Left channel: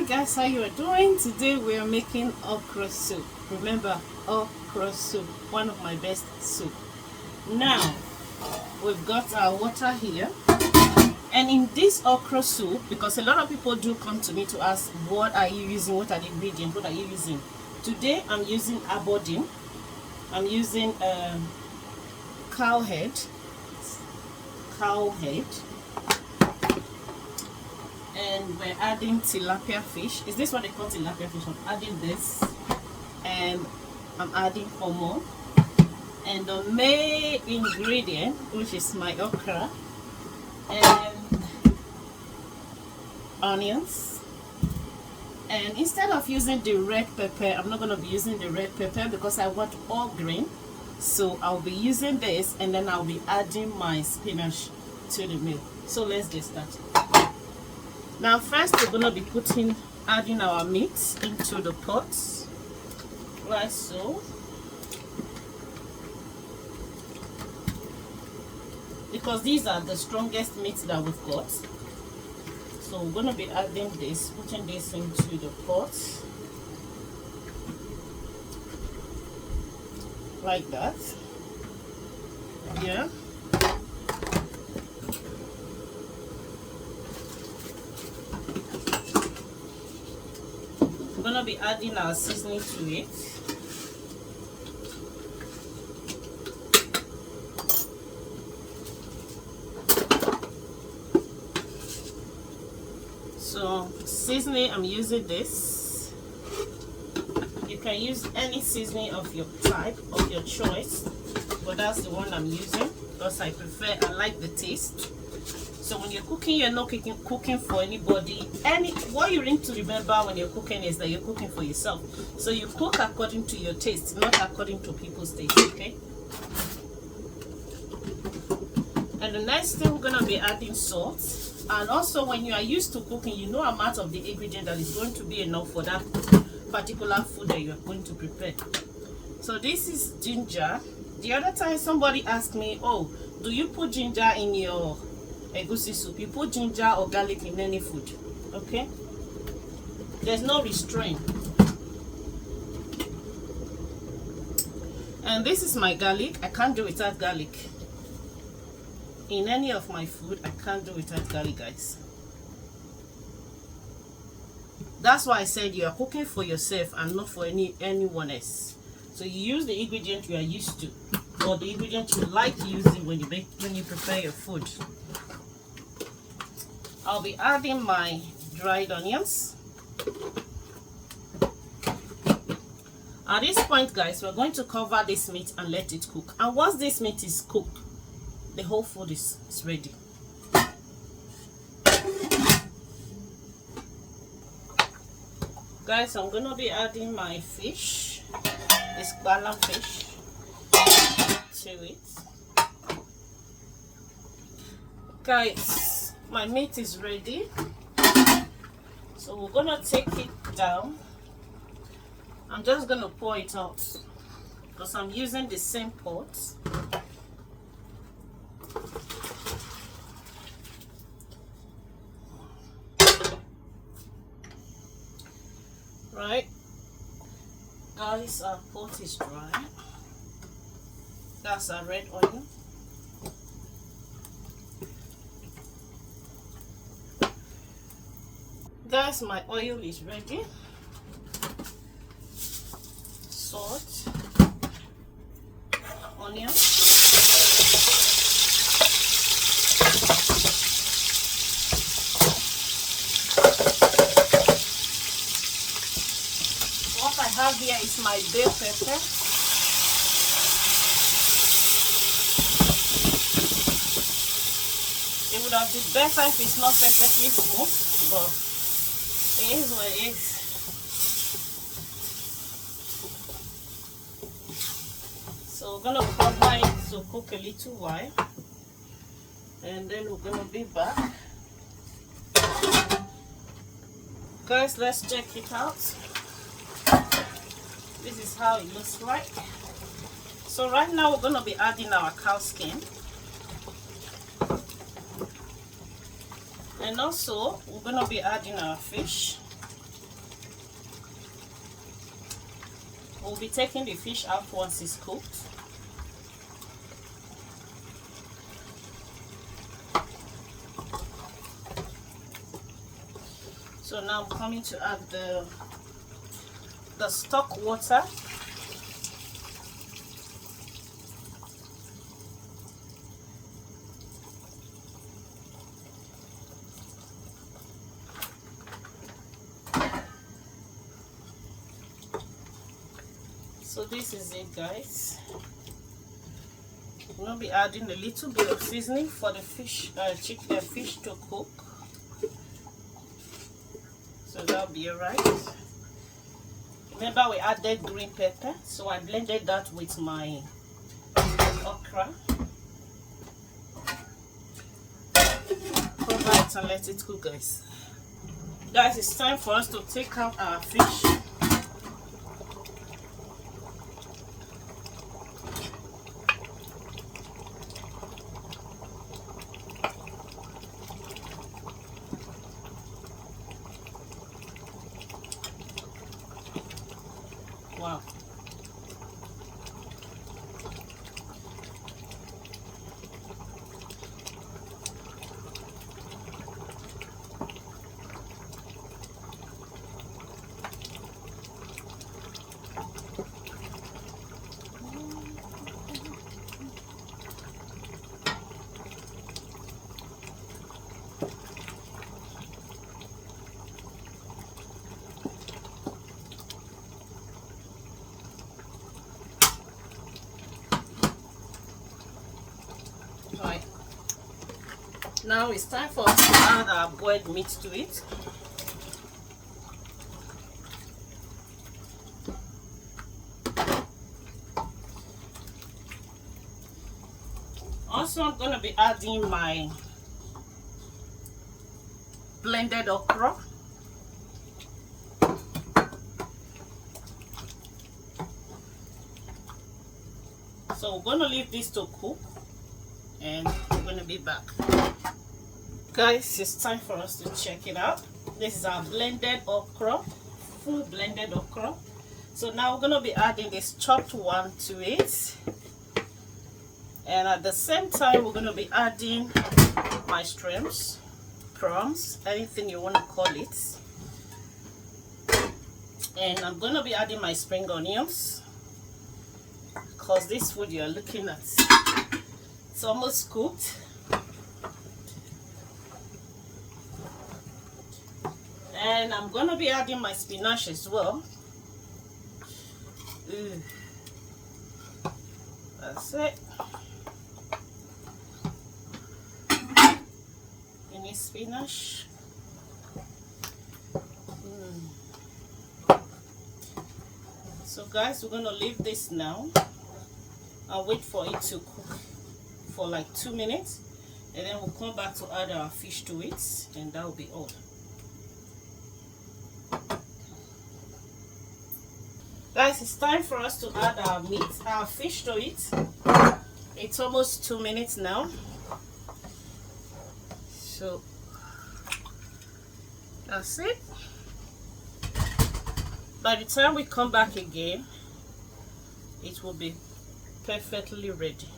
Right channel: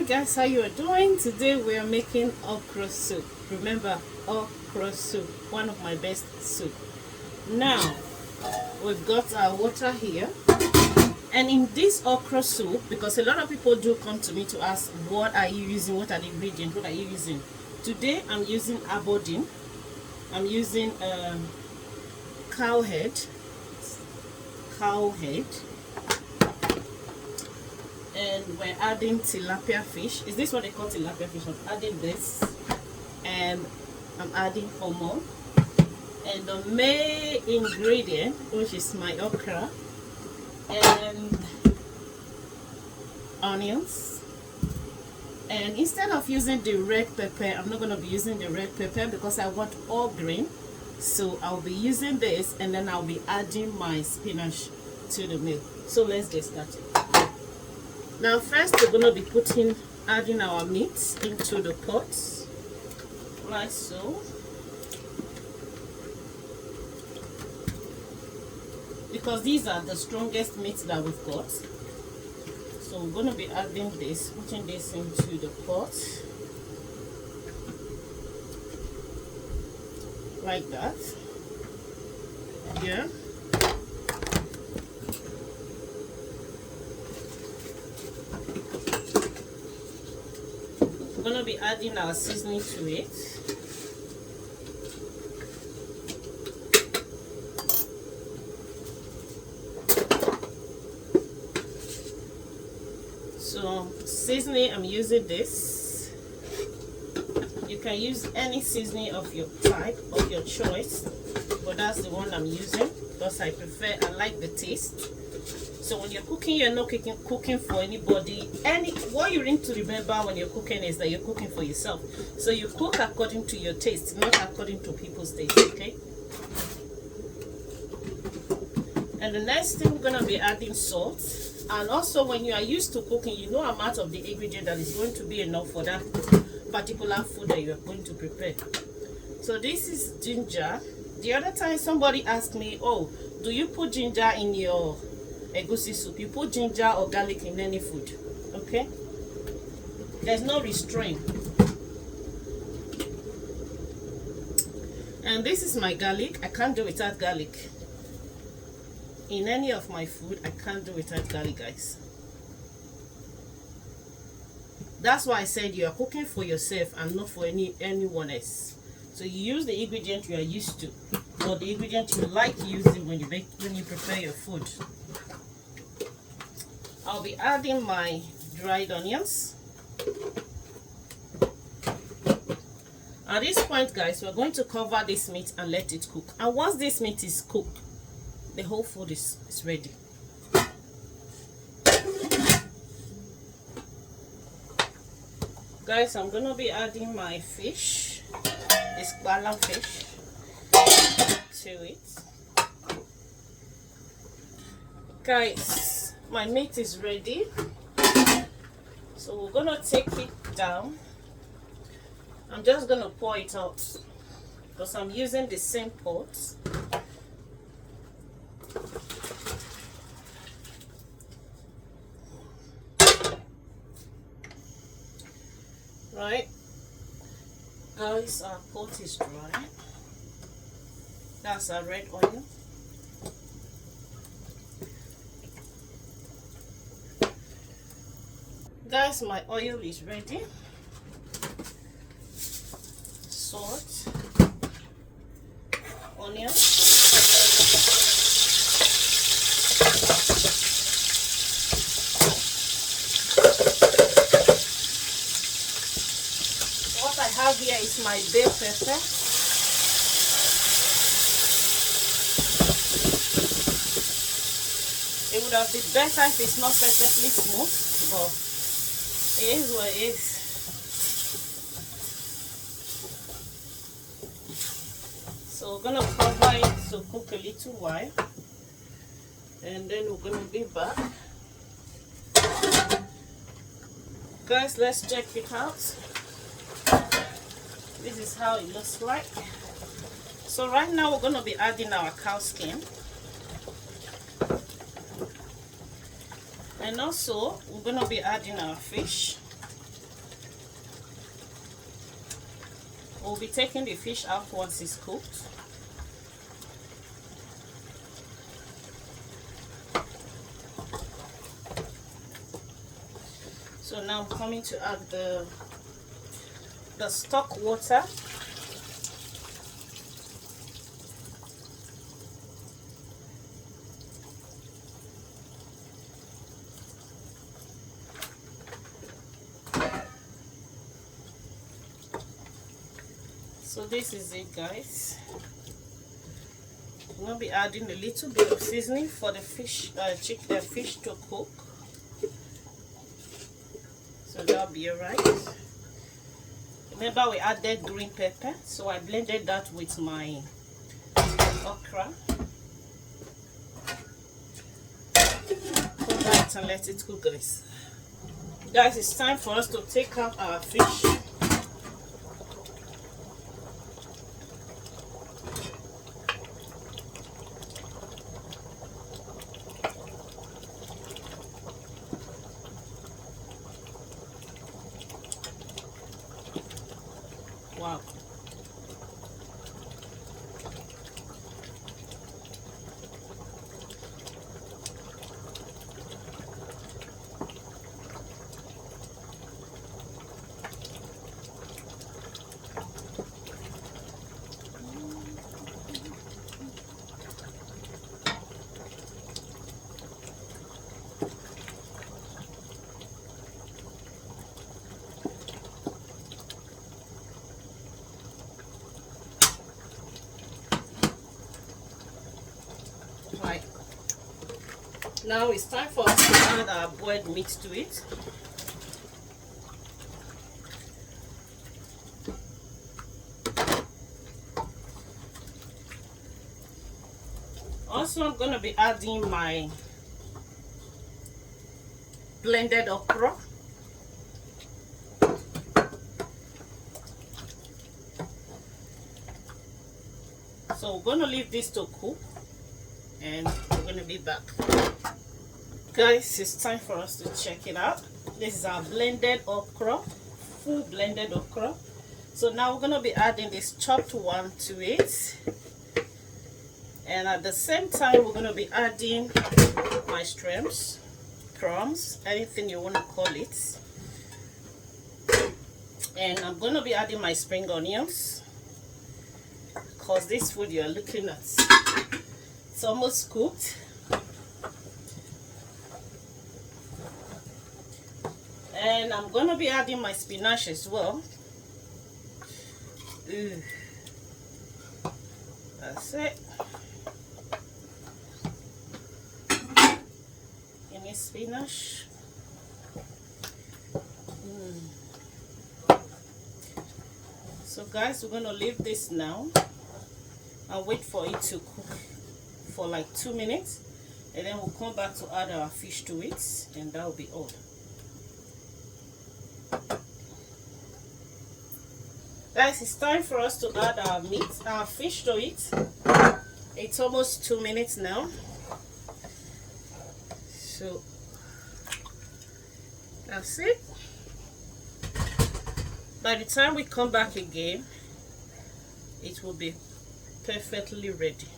Hi guys, how you are doing? Today we are making okra soup. Remember, okra soup, one of my best soup. Now we've got our water here, and in this okra soup, because a lot of people do come to me to ask, what are you using, what are the ingredients, what are you using? Today I'm using abodine, I'm using cow head, and we're adding tilapia fish. Is this what they call tilapia fish? I'm adding this, and I'm adding hormone, and the main ingredient, which is my okra and onions. And instead of using the red pepper, I'm not going to be using the red pepper because I want all green. So I'll be using this, and then I'll be adding my spinach to the meal. So let's get started. Now first we're going to be adding our meat into the pot, like so. Because these are the strongest meats that we've got. So we're going to be adding this, putting this into the pot, like that. Yeah. We're going to be adding our seasoning to it. So seasoning, I'm using this. You can use any seasoning of your type, of your choice, but that's the one I'm using because I like the taste. So when you're cooking, you're not cooking for anybody. What you need to remember when you're cooking is that you're cooking for yourself. So you cook according to your taste, not according to people's taste, okay? And the next thing, we're gonna be adding salt. And also, when you are used to cooking, you know amount of the ingredient that is going to be enough for that particular food that you are going to prepare. So this is ginger. The other time somebody asked me, oh, do you put ginger in your egusi soup? You put ginger or garlic in any food, okay? There's no restraint. And this is my garlic. I can't do without garlic. In any of my food, I can't do without garlic, guys. That's why I said you are cooking for yourself and not for anyone else. So you use the ingredient you are used to, or the ingredient you like using when you prepare your food. I'll be adding my dried onions. At this point, guys, we're going to cover this meat and let it cook. And once this meat is cooked, the whole food is ready. Guys, I'm going to be adding my fish, this bala fish, to it. Guys, my meat is ready. So we're going to take it down. I'm just going to pour it out because I'm using the same pot. Right, guys, our pot is dry. That's our red oil. Guys, my oil is ready. Salt, onion, what I have here is my bell pepper. It would have been better if it's not perfectly smooth, but it is what it is. So we're gonna cover it to cook a little while, and then we're gonna be back. Guys, let's check it out. This is how it looks like. So right now we're gonna be adding our cow skin. And also, we're going to be adding our fish. We'll be taking the fish out once it's cooked. So now I'm coming to add the stock water. So this is it, guys. I'm gonna be adding a little bit of seasoning for the fish, fish to cook. So that'll be alright. Remember, we added green pepper, so I blended that with my okra. Cover it and let it cook, guys. Guys, it's time for us to take out our fish. Wow. Right. Now it's time for us to add our boiled meat to it. Also, I'm going to be adding my blended okra. So we're going to leave this to cook, and we're going to be back. Guys, it's time for us to check it out. This is our blended okra, full blended okra. So now we're going to be adding this chopped one to it, and at the same time we're going to be adding my shrimps, prawns, anything you want to call it. And I'm going to be adding my spring onions, because this food you're looking at, it's almost cooked. And I'm going to be adding my spinach as well. Ooh. That's it. Any spinach. So guys, we're going to leave this now and wait for it to cook for like 2 minutes, and then we'll come back to add our fish to it, and that will be all. Guys, it's time for us to add our fish to it. It's almost 2 minutes now. So that's it. By the time we come back again, it will be perfectly ready.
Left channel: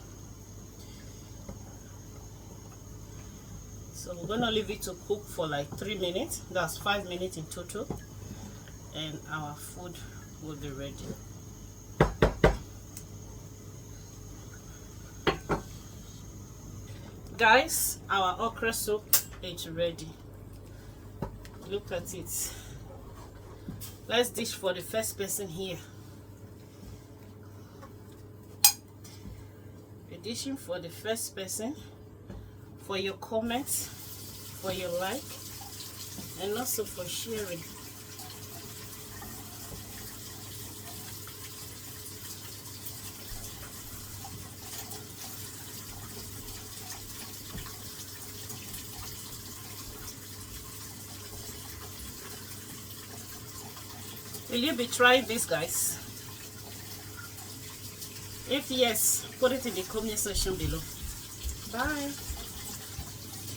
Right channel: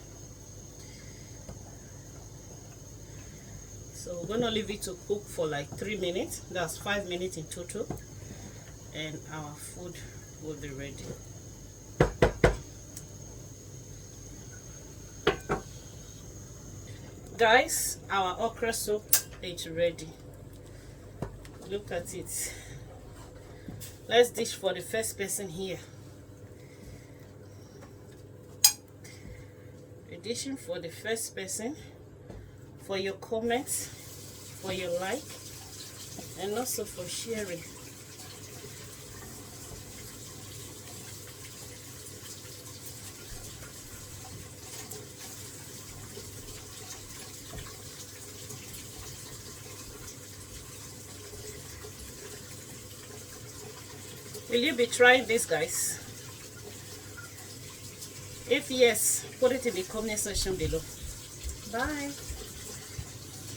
So we're gonna leave it to cook for like 3 minutes. That's 5 minutes in total, and our food will be ready. Guys, our okra soup is ready. Look at it. Let's dish for the first person here. We're dishing for the first person, for your comments, for your like, and also for sharing. Will you be trying this, guys? If yes, put it in the comment section below. Bye.